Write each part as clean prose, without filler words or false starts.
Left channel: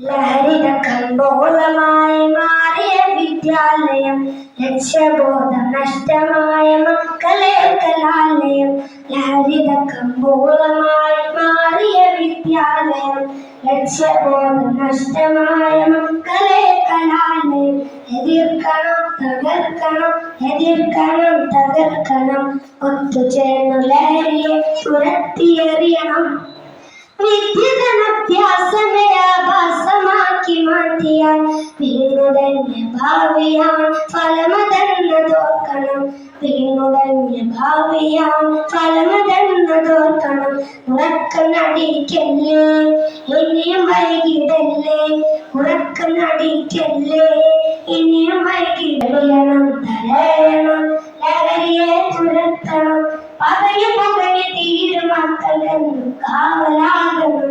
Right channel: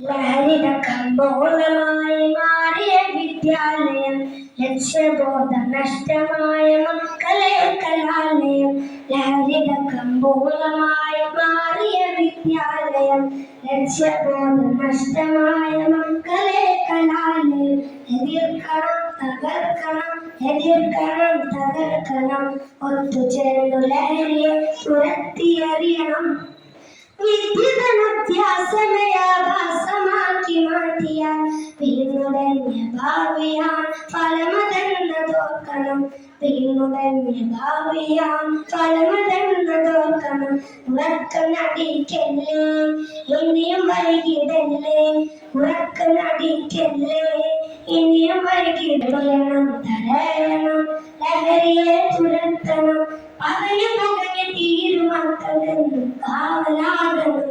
ലഹരിയുടെ കമ്പോളമായി മാറിയ വിദ്യാലയം, ലക്ഷ്യബോധം നഷ്ടമായ മക്കളെ കലാലയം. ലഹരിയുടെ കമ്പോളമായി മാറിയ വിദ്യാലയം, ലക്ഷ്യബോധം നഷ്ടമായ മക്കളെ കലാലയം. എതിർക്കണം, തകർക്കണം, എതിർക്കണം, തകർക്കണം. ഒത്തുചേർന്നു ലഹരിയെ തുരത്തിയെറിയണം. വിദ്യുതനഭ്യാസമേ ആഭാസമാക്കി മാറ്റിയാൽ വീണുടഞ്ഞ ഭാവിയാണ് ഫലമതെന്നതോർക്കണം. വീണുടഞ്ഞ ഭാവിയാണ് ഫലമതെന്നതോർക്കണം. ഉറക്കനടിക്കല്ലേ, ഇനിയും വൈകിടല്ലേ. ഉറക്കനടിക്കല്ലേ, ഇനിയും വൈകിടണം. തടയണം, ലഹരിയെ തുരത്തണം. പതയെ പുകഞ്ഞ് തീരുമക്കളെന്നും കാവലാകണം.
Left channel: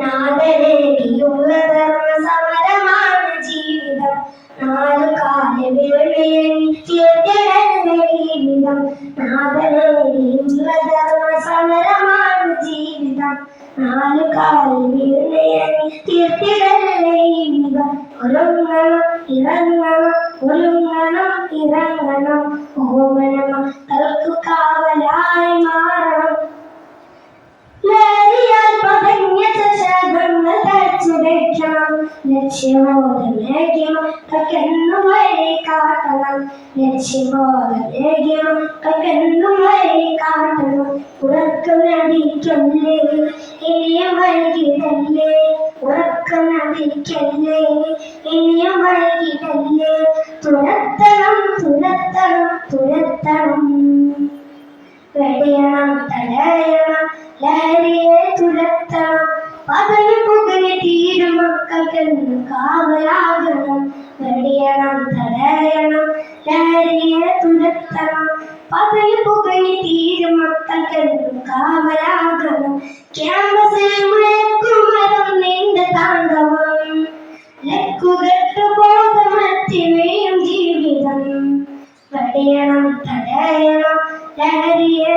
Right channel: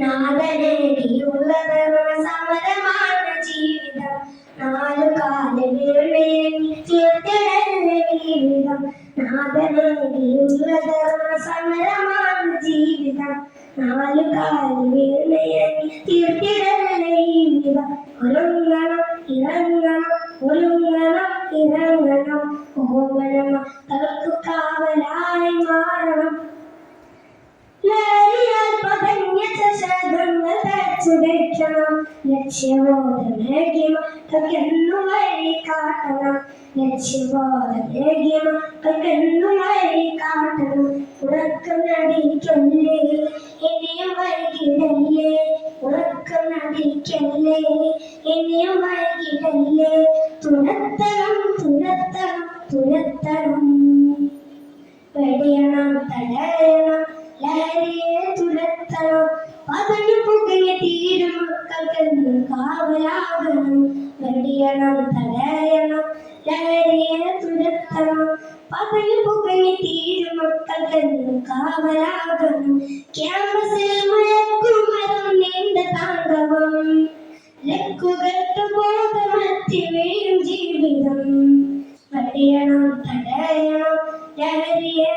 നാദനേകിയുള്ള ധർമ്മസമരമാണ് ജീവിതം. നാലുകാല വീഴ്മയെങ്കിൽ തീർത്തിടല്ലേ ജീവിതം. നാദനേകിയുള്ള ധർമ്മസമരമാണ് ജീവിതം. നാലുകാല വീഴ്മയെങ്കിൽ തീർത്തിടല്ലേ ജീവിതം. ഒരുങ്ങണം, ഇറങ്ങണം, ഒരുങ്ങണം, ഇറങ്ങണം. ഓമന മക്കൾക്കു കാവലായി മാറണം. ലഹരിയാൽ പതഞ്ഞ ശാഖങ്ങൾ തച്ചുടയ്ക്കണം. ലക്ഷ്യബോധമേകി മക്കൾക്കെന്നും വഴി കാട്ടണം. ലക്ഷ്യബോധമേകി മക്കൾക്കെന്നും വഴി കാട്ടണം. ഉറക്കനടിക്കല്ലേ, ഇനിയും വൈകിടല്ലേ. ഉറക്കനടിക്കല്ലേ, ഇനിയും വൈകിടല്ലേ. തുരത്തണം, തുരത്തണം, തുരത്തണം. വെടിയണം, തടയണം, ലഹരിയെ തുരത്തണം. പതഞ്ഞു പുകഞ്ഞ് തീരും മക്കൾക്കെന്നും കാവലാകണം. വെടിയണം, തടയണം, ലഹരിയെ തുരത്തണം. പതഞ്ഞു പുകഞ്ഞ് തീരും മക്കൾക്കെന്നും കാവലാകണം. ക്യാമ്പസിൽ മയക്കുമരുന്നിന്റെ താണ്ഡവം, ലക്കുകെട്ട് ബോധമറ്റി വീഴും ജീവിതം. വെടിയണം, തടയണം, ലഹരിയെ